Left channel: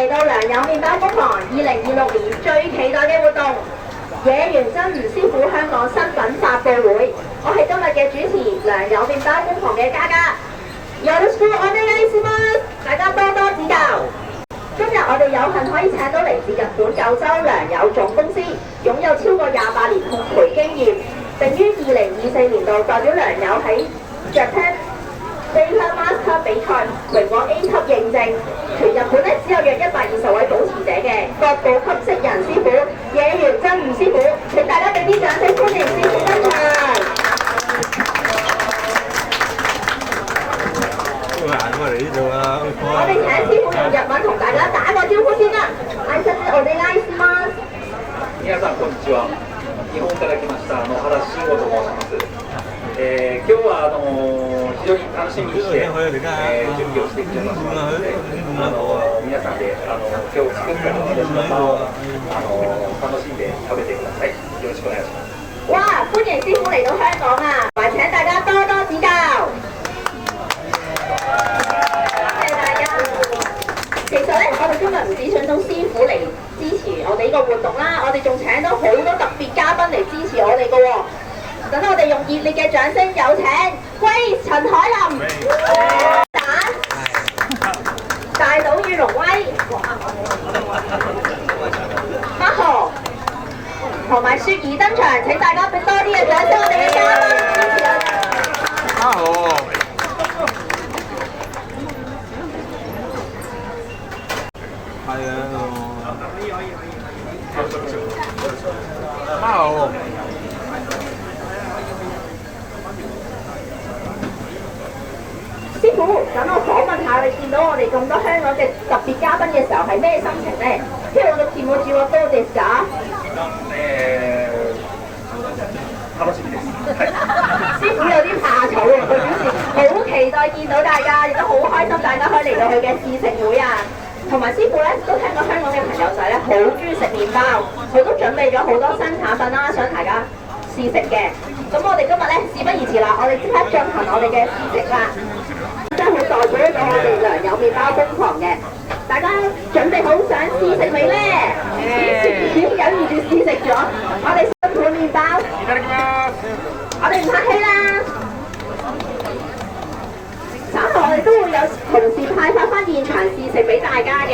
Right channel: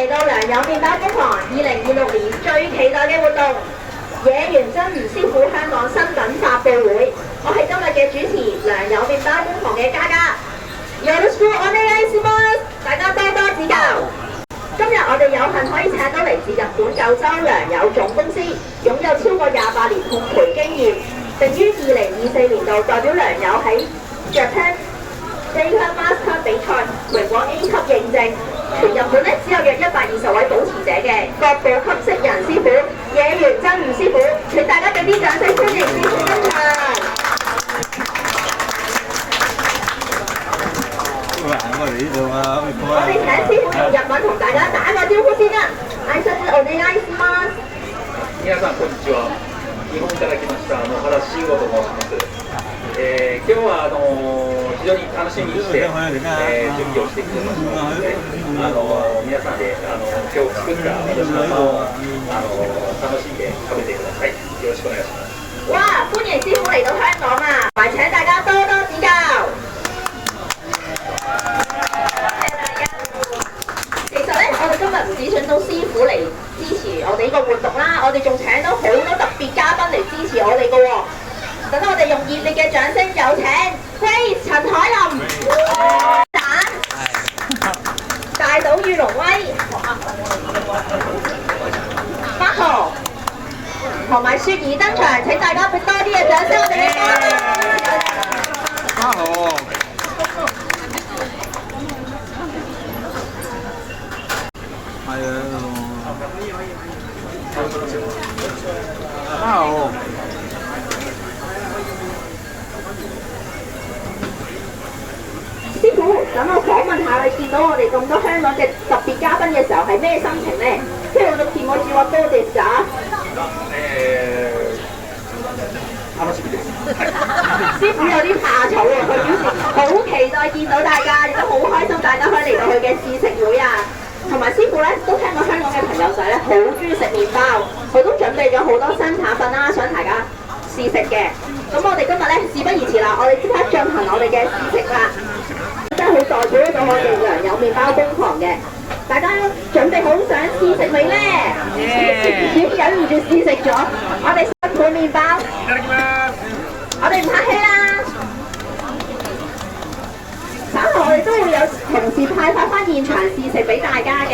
嚟到良友麵包工房2026年最期待嘅活動——野原真吾師傅香港新品發佈會。我係今日嘅主持良友麵包工房嘅嘉嘉。よろしくお願いします，大家多多指教。今日我哋有幸可以請到嚟自日本九州良友總公司，擁有超過28年烘焙經驗，並於2024年度代表良友喺 Japan Baker Master 比賽榮獲 A 級認證。全日本咧只有約120位保持者嘅國寶級職人師傅野原真吾師傅，請大家俾啲掌聲歡迎師傅登場。我哋請師傅用日文同大家打個招呼先啦。挨拶お願いします。皆さんこんにちは。日本から来ました原慎吾と申します。今日は非常に楽しみにして、準備をしてきてますので、皆さんで今日作った広島パンを楽しんで食べてください。よろしくお願いします。哇！歡迎師傅嚟到香港啊，埋請大家多多指教。其實咧，我哋今日唔止請到師傅嚟支持我哋呢個活動啦，我哋仲請到好多特別嘉賓嚟支持我哋嘅喎。等我哋用熱烈嘅掌聲，有請 Grace 陳海琳、蛋、大島與龍威、Marco 同埋雪兒登場。請大家俾多啲嘅掌聲，我哋嘅嘉賓。好。好。師傅，等我訪問下你，見到我哋咁多香港嘅特別嘉賓嘅時候係咩心情呢？今日の気持ちはどうですか？楽しみです。師傅有啲怕醜喎，佢表示好期待見到大家，亦都好開心大家可以嚟到佢嘅試食會啊！同埋師傅咧都聽過香港嘅朋友仔咧好中意食麵包，佢都準備咗好多新產品啦，想大家試食嘅。咁我哋今日咧事不宜遲啦，我哋即刻進行我哋嘅試食啦！真係好代表咗我哋良友麵包工房嘅，大家準備好想試食未咧？點忍唔住試食咗？我哋辛苦麵包，我哋唔客氣啦。稍後我哋都會有同事派發翻現場試食俾大家嘅。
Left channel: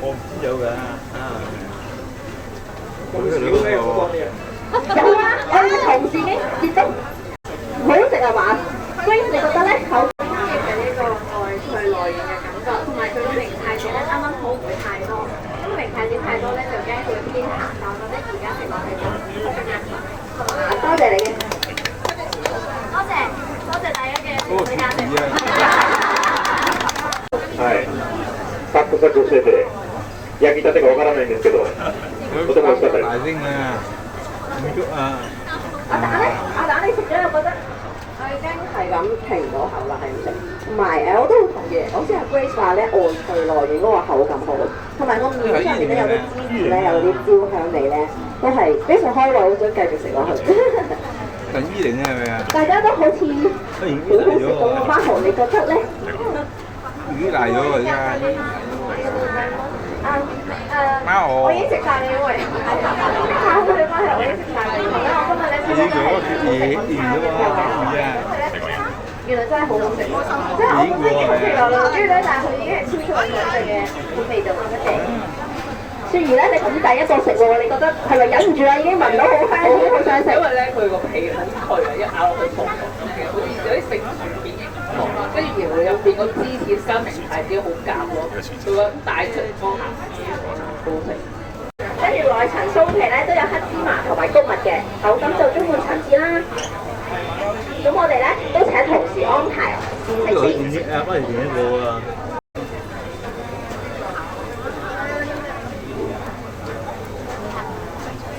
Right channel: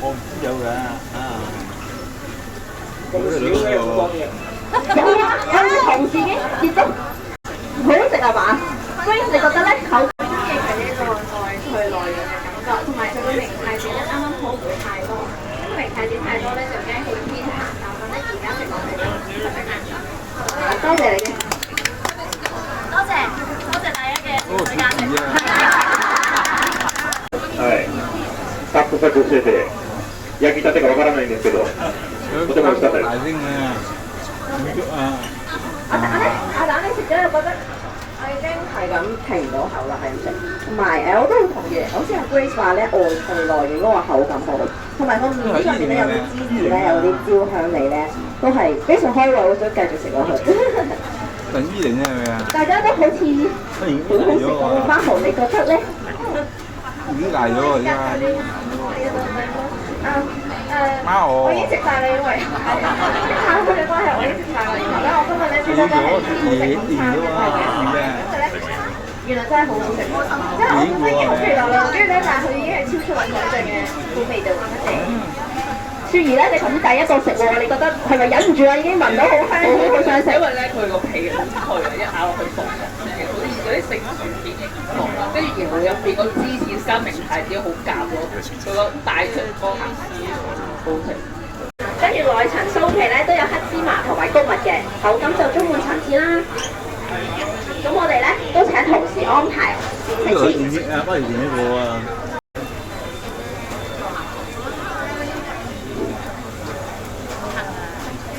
我唔知有㗎有啊，我哋同事已經接觸，好食係嘛？Grace，你覺得咧？口中意係呢個外脆內軟嘅感覺，同埋佢嘅明太子咧啱啱好唔會太多，因為明太子太多咧就驚佢偏鹹，我覺得而家食落去就多謝你嘅，多謝大家嘅時間。はい。サクサクしてて焼きたてかわからないんですけど、とても美味しかったです。阿蛋你食咗又覺得？我已經係咁停唔到口啦，係唔食。同埋我都好同意，我知阿 Grace 話咧外脆內軟嗰個口感好，同埋個面上面咧有啲芝士咧，有啲焦香味咧，都係非常開胃，好想繼續食落去。等依嚟啫係咪啊？大家都好似好好食咁啊！Marco，你覺得咧？魚大咗而家。我已經食晒啦，因為考佢哋關係我已經食晒啦。而家我今日咧真係原來真係好好食，即係我本身好期待啦，跟住咧，但係佢已經係超出我想象嘅味道咁一定。雪兒咧，你頭先第一個食喎，你覺得係咪忍唔住啊？已經聞到好香，好想食。因為咧，佢個皮好脆啊，一咬落去鬆鬆嘅，好似有啲食薯片嘅感覺啦。跟住然後入邊個芝士加明太子好夾咯，佢個帶出個鹹絲好食。跟住內層酥皮咧都有黑芝麻同埋谷物嘅，口感就充滿層次啦。咁我哋咧都請同事安排試食先。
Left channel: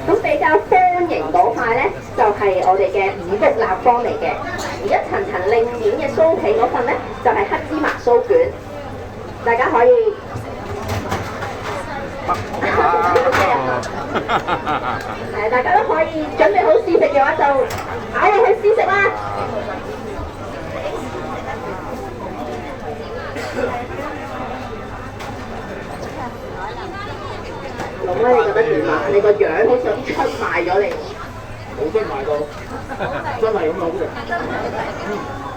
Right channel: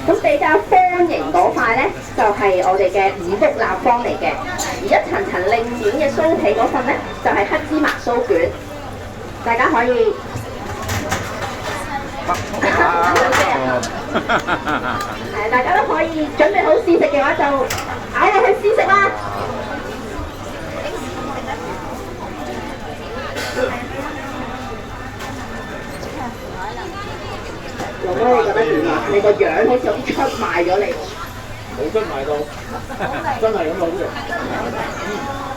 咁比較方形嗰塊咧，就係我哋嘅五穀立方嚟嘅，而一層層另面嘅酥皮嗰份咧，就係黑芝麻酥卷。大家可以大家都可以準備好試食嘅話，就咬落去試食啦。龍哥，你覺得點啊？你個樣好似有啲出賣咗你。冇出賣到，真係咁好嘅。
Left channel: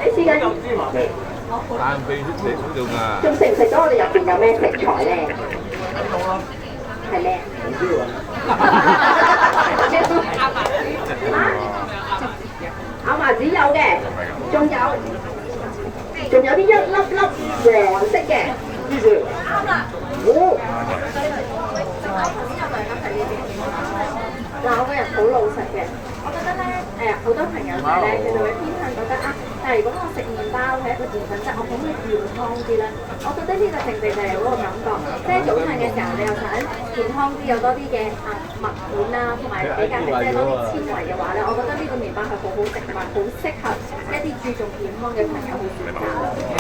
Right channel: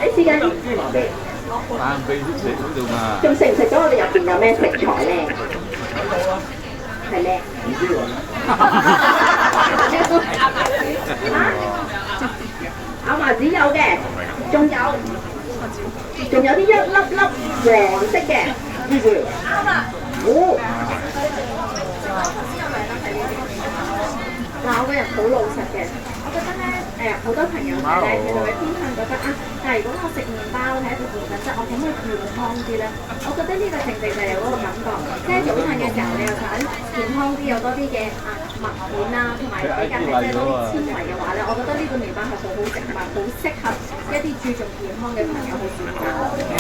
你試緊？芝麻味。但秘食嗰度嘛。仲食唔食到我哋入邊有咩食材咧？係咩？唔知喎。亞麻籽有嘅，仲有啲一粒粒黃色嘅。芝士。啱啦。哦。哇！我個人好老實嘅，我覺得咧好多朋友仔咧，佢就會偏向覺得啊，但係如果我食麵包係一個澱粉質，我可唔可以健康啲咧？我覺得呢個正正就係嗰個感覺，即係早晨嘅時候你又想健康啲，有多啲嘅麥片啦，同埋比較係即係多啲纖維嘅話咧，我覺得呢個麵包係好好食同埋好適合一啲注重健康嘅朋友去選擇。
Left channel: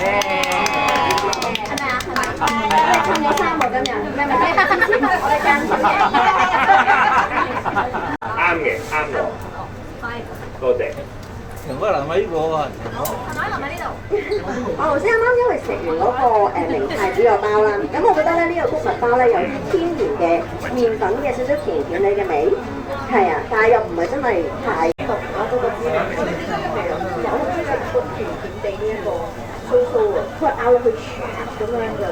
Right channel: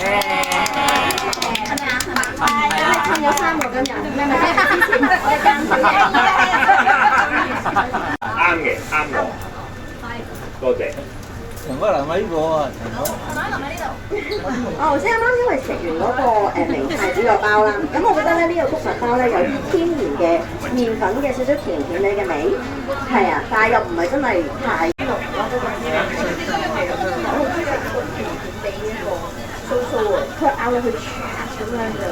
係咪啊？係咪？你襯咗衫喎今日，你係咪之前我哋間啱嘅，啱我。多謝。長哥留喺呢個啊，長哥。我頭先啱啱因為食完嗰個明太子個包啦，咁我覺得咧呢個谷物包咧有啲天然嘅麵粉嘅少少甜甜哋嘅味，係啊，但係又唔係真係太濃咯嗰個滋味。我好中意食甜甜地呢一個酥酥啊，佢咬落去唰咁樣嘅。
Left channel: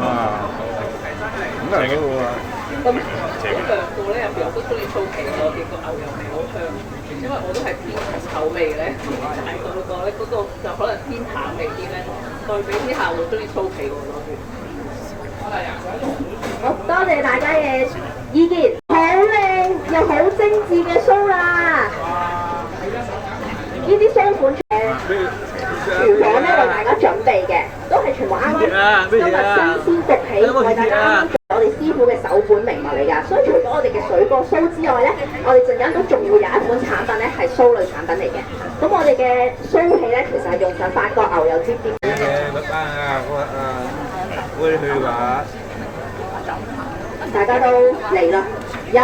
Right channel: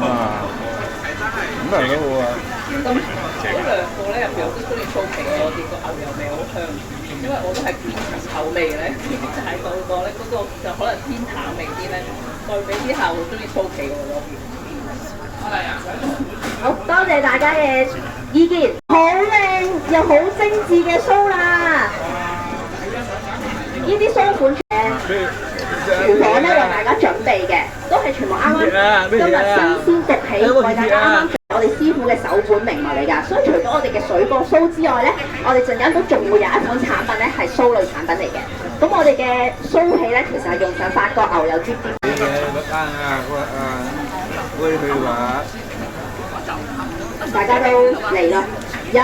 好啊！咁係幾好啊！咁嗰兩個咧入邊我都中意酥皮多啲，個牛油味好香，因為我都係偏重口味嘅咧，大個個咧嗰個就可能偏淡味啲咧，對比之下會中意酥皮多啲。好多謝大家嘅意見，好靚又好精緻嘅酥啦！呢啲酥款廚房咧為大家準備嘅，都係全部啱啱今日新鮮焗起，為大家啱啱做我哋師傅嘅首本名物嚟㗎。所以除咗我哋嘅水果酥之外咧，我哋陣間都仲會有一款產品咧係酥類產品嚟嘅。咁我哋嘅酥皮咧其實係用上法國牛油尖尖。會去話。大家都嚟啦！1、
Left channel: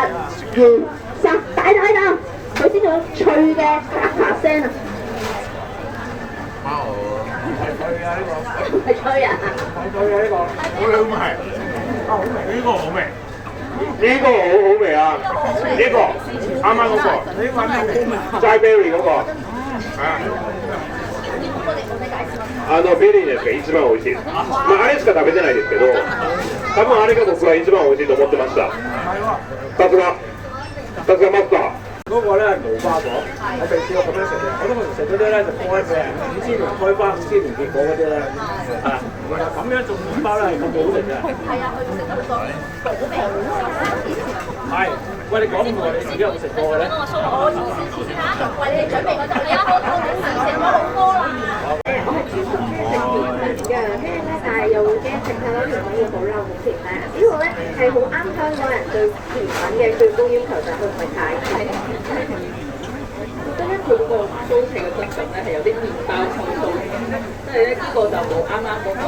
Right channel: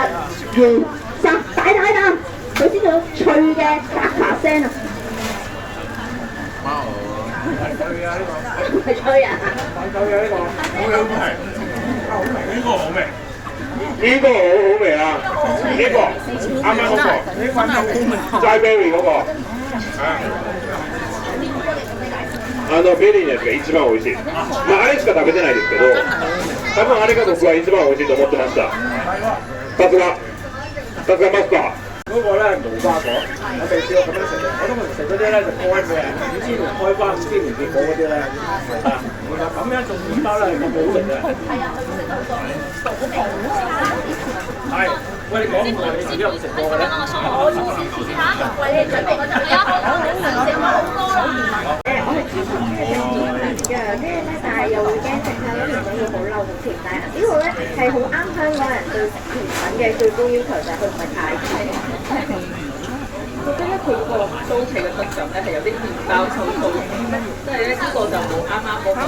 2、3，大啖，佢先有脆嘅咔咔聲啊！唔係吹啊！吹啊呢個，好味，好味，呢個好味，呢個好好味啊！呢個啱啱嗰個，呢個係齋 berry 嗰個，ベリーのやつが一番美味しい。まああれしか食べてないですけど、多分あれが僕は一番美味しいと思ってました。さすがマスター。嗰個咧係無花果，我未試過咁樣食嘅。我通常食嗰啲咧就開嘅5,000年開花、5,000年結果嗰啲咧，係啦。然後咁樣做麵包咧係咁好食嘅。係啊，佢食得好多。係，喂，你講咁耐，你自己有冇食過嘅咧？我要先試下，為你準備嗰陣。係啊，我食過好多啦。我係專屬中意食甜品嘅，跟住咧，但係又會驚食太多甜品會好嬲好甜。但係呢個咧係好啱香港人對甜品嘅最高要求，就係佢唔係太甜。我覺得咧佢嗰個酥皮嘅質感咧係有啲麵包抽酥，即係咧呢個就冇啱啱嗰個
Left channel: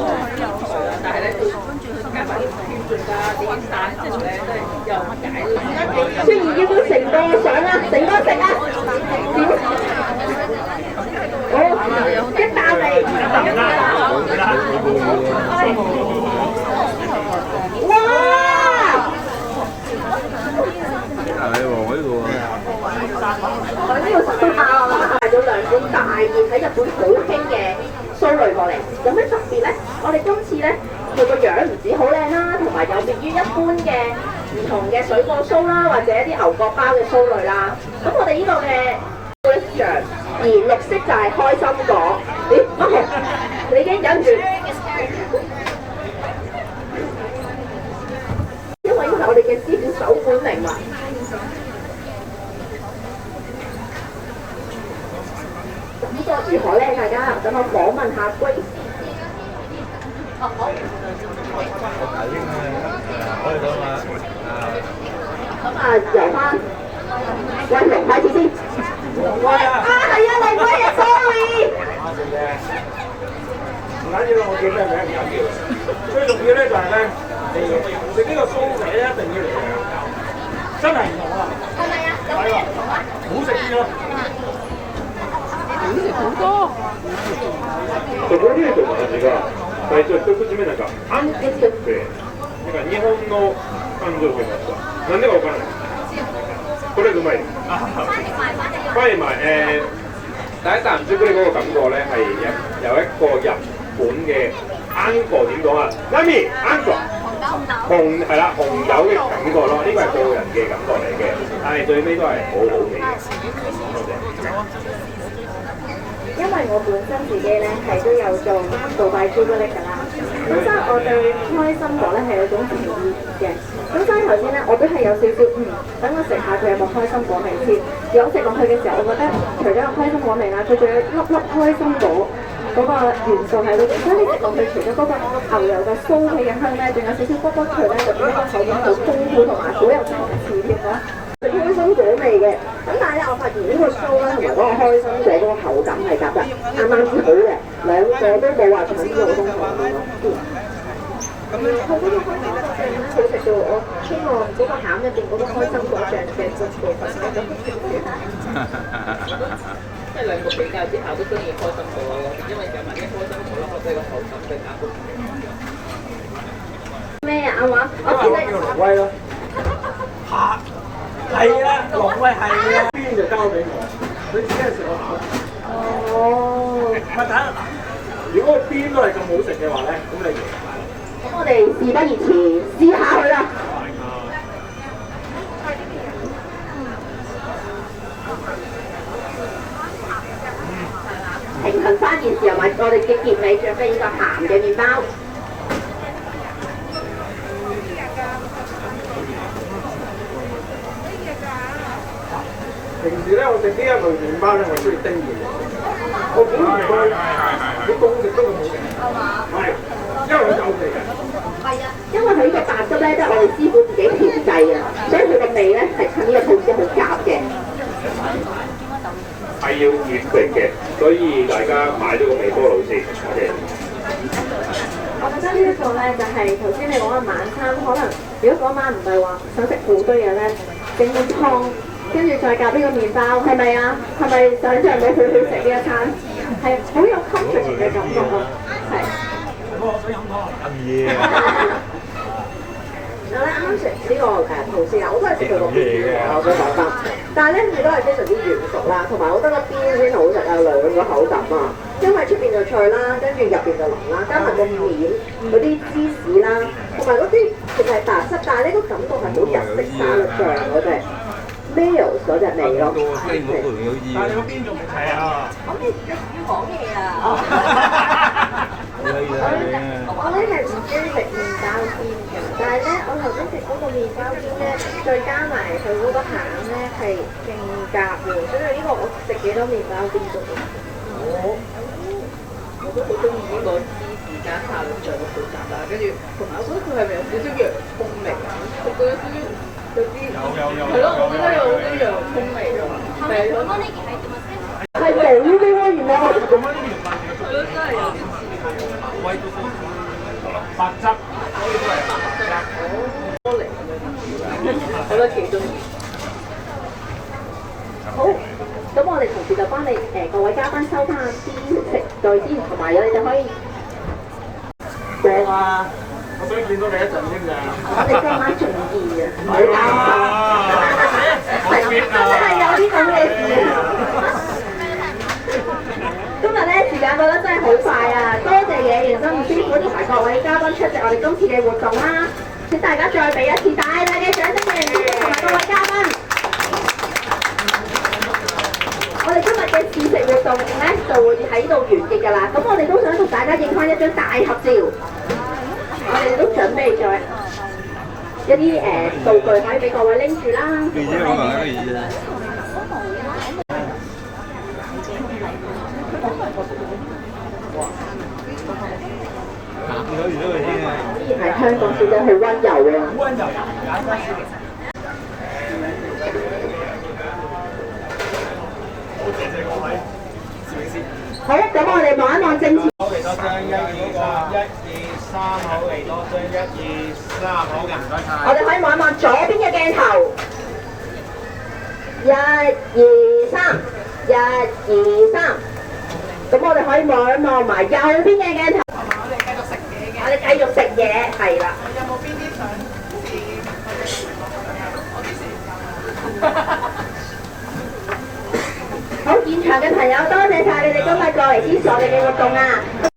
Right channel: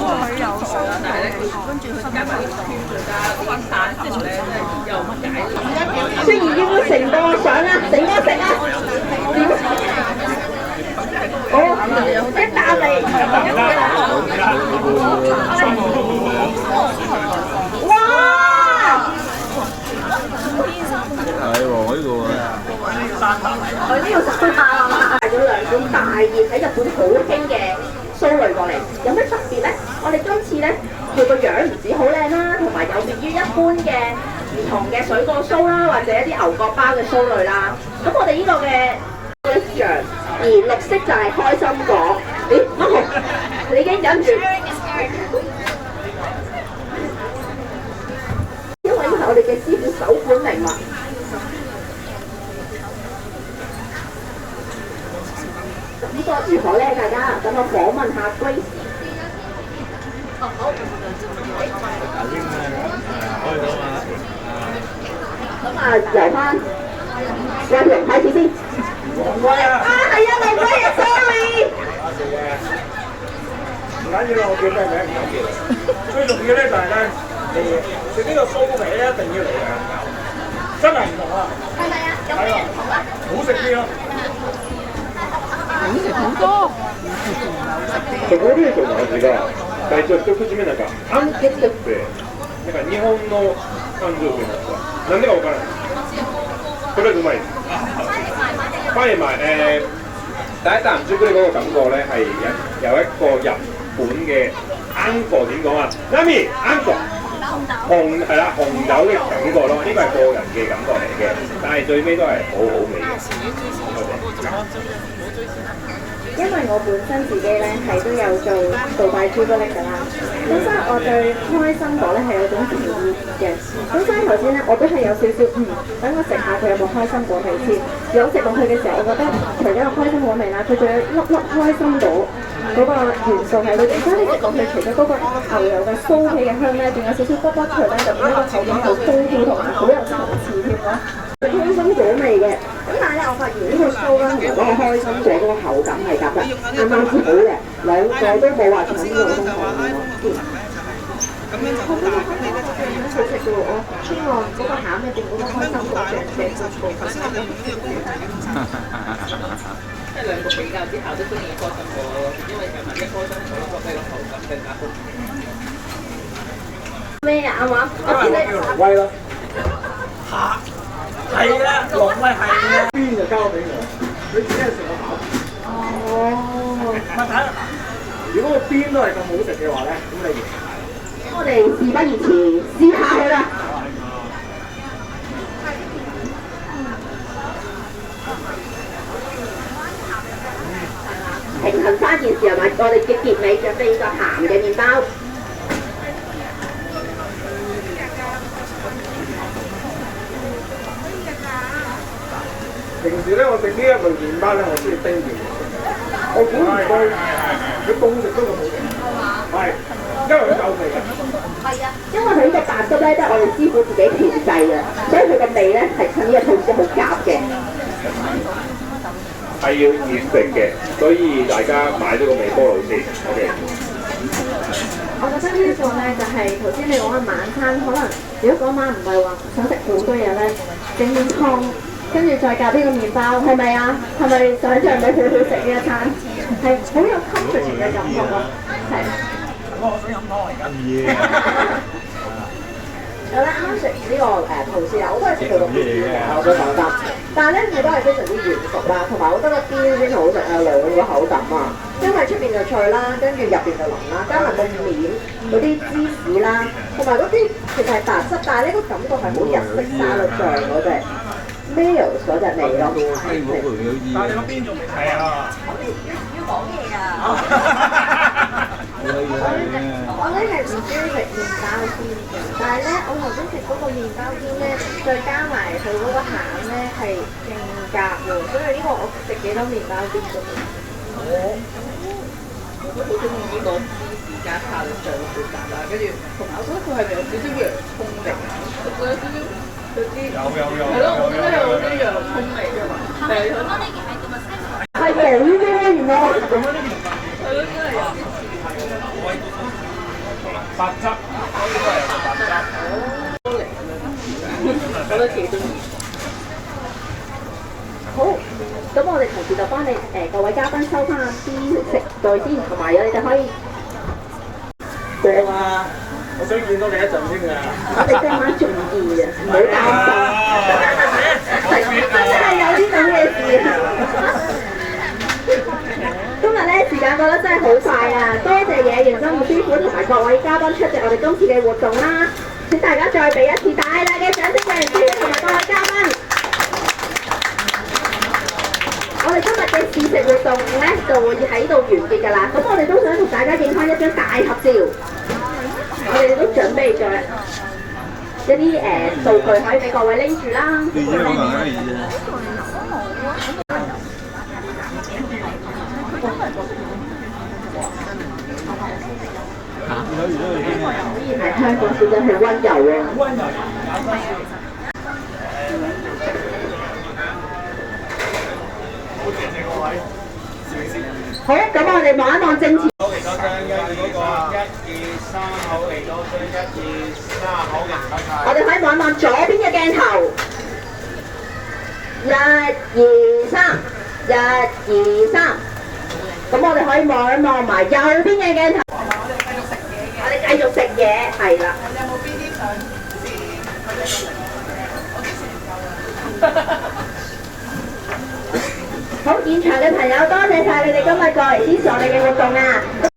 菜啦，但係咧跟住佢加埋啲天椒加啲生油咧，真係又解。雖然要成個上啊，成個食啊，點？好，一啖嚟，哇！係喎，我呢度啊。我呢個帶咗兩款大熱喺日本好興嘅酥類過嚟，有咩特別咧？我哋今次咧佢個樣唔止好靚啦，同埋有別於一般嘅唔同嘅水果酥啦，或者一啲牛角包嘅酥類啦。咁我哋呢個嘅像，而綠色就係開心果。咦，乜紅？你已經忍唔住？因為呢個係我哋嘅師傅首本名物。感覺如何咧？大家等我訪問下 Grace。哦，好。咁啊，由翻溫龍開始先。龍威啊！係啊，龍威啊 ，sorry。緊要啦，我叫咩名唔緊要。最重要咧就係咧，你食呢個酥皮咧一定要嚟兩嚿，真係唔同啊！係咪啊？有咩唔同啊？好食啲咯。チョコレートの味が最初一口目なんかあんこっぽくてなんか日本の感情と言いますかなんでかわからないとりあえずうまいです翻譯埋第一啖朱古力嗰個感覺咧係有一個日本嘅あんこ點講啊？ナミあんこ紅係啦紅豆嘅感覺咯，呢個係個人嘅感覺嚟嘅，但係最尾都係好好味嘅。多謝。因為我本身自己咧係都有做杜拜朱古力㗎啦，咁所以我對開心果咧係有種情意嘅。咁所以頭先咧我都係有少少等我食下佢有冇開心果味先。有食落去嘅時候，我覺得除咗有開心果味啦，佢仲有粒粒開心果嗰個元素喺裏邊，所以你食落去除咗嗰個牛油嘅酥皮嘅香咧，仲有少少卜卜脆咧，就變咗個口感好豐富同埋好有層次添咯。開心果味嘅，咁但係咧，我發現呢個酥啦同埋嗰個開心果嗰個口感係夾得啱啱之好嘅，兩個都冇話搶呢個中學咯。咁樣好呢個開心果醬好食嘅喎，我希望嗰個餡入邊嗰個開心果醬嘅個部分加得少少。即係兩個比較之下都中意開心果咯，因為其實啲開心果我覺得個口感更加好。咩啊？啱話？我見你挪威咯。係啊，挪威係啊，邊就交俾我，佢只係食我餡。哦，咪睇下，如果個邊都係咁好食嘅話咧，咁你贏晒啦。咁我哋事不宜遲，試下佢啦。平衡翻件事係咪？我哋嘅結尾準備個鹹嘅麵包。平時咧，我食呢一類麵包咧，我中意叮熱嘅。我估唔到佢凍食都咁好食。係，因為佢夠味嘅。係啊，因為佢呢個白汁咧，都係我哋師傅自己調製嘅，所以佢嘅味咧係趁呢個吐司好夾嘅。係要熱食嘅，所以大家買咗個微波爐先。OK。我覺得呢一個咧就係頭先你講嘅晚餐，可能如果嗰晚唔係話想食好多嘢咧，整碗湯。跟住再夾呢個麵包，係咪啊？係咪想像到佢好食呢一餐？係好有 comfort 嘅感覺咯，係。我想飲湯嚟㗎。我咧啱食呢個吐司啊，我都係食佢個邊嘅，我想講翻。但係咧，佢都係非常之軟熟啦，同埋我覺得個邊先好食啊，兩個口感啊，因為出邊就脆啦，跟住入邊就腍啦，加埋個面嗰啲芝士啦，同埋嗰啲其實係白色，但係呢個感覺係好日式沙律醬嗰隻。Mayo 嗰隻味咯，但係你嗰邊仲未睇啊？要講嘢啊！我咧係唔中意食麵包煎嘅，但係咧我頭先食嗰個麵包煎咧，再加埋佢嗰個餡咧係勁夾喎，所以呢個我食幾多麵包煎都得。我都好中意呢個芝士加沙律醬嘅配搭啦，跟住同埋我覺得佢係咪有少少洋葱味啊？佢有少少。有啲係咯，我覺得有啲洋葱味㗎嘛，係冇嘅咩？原來係咯，真係有啲似白汁，呢個係白汁。多嚟咁樣，我覺得幾中意。好，咁我哋同時就幫你各位嘉賓收翻啲食具先，同埋你就可以正啊！我想見到你一陣添㗎。我哋今晚仲易啊，唔好擔心。真係有啲咁嘅事啊！今日咧時間過得真係好快啊！多謝野原生活師傅同埋各位嘉賓出席我哋今次嘅活動啦！請大家再俾一次大大嘅掌聲俾野原師傅同埋各位嘉賓。我哋今日嘅試食活動咧就會喺度完結㗎啦。咁我哋都想同大家影翻一張大合照。我哋都準備咗一啲道具可以俾各位拎住啦。果然係香港小姐好溫柔啊！溫柔好，咁我哋望一望正前。1、2、3，1、2、3。咁我哋可以望一望埋右邊嘅鏡頭。我哋繼續食嘢，係啦。有冇邊啲想試佢哋食過嘅嘢？我之前有好，現場嘅朋友，多謝晒你哋今日過嚟支持我哋嘅活動啊！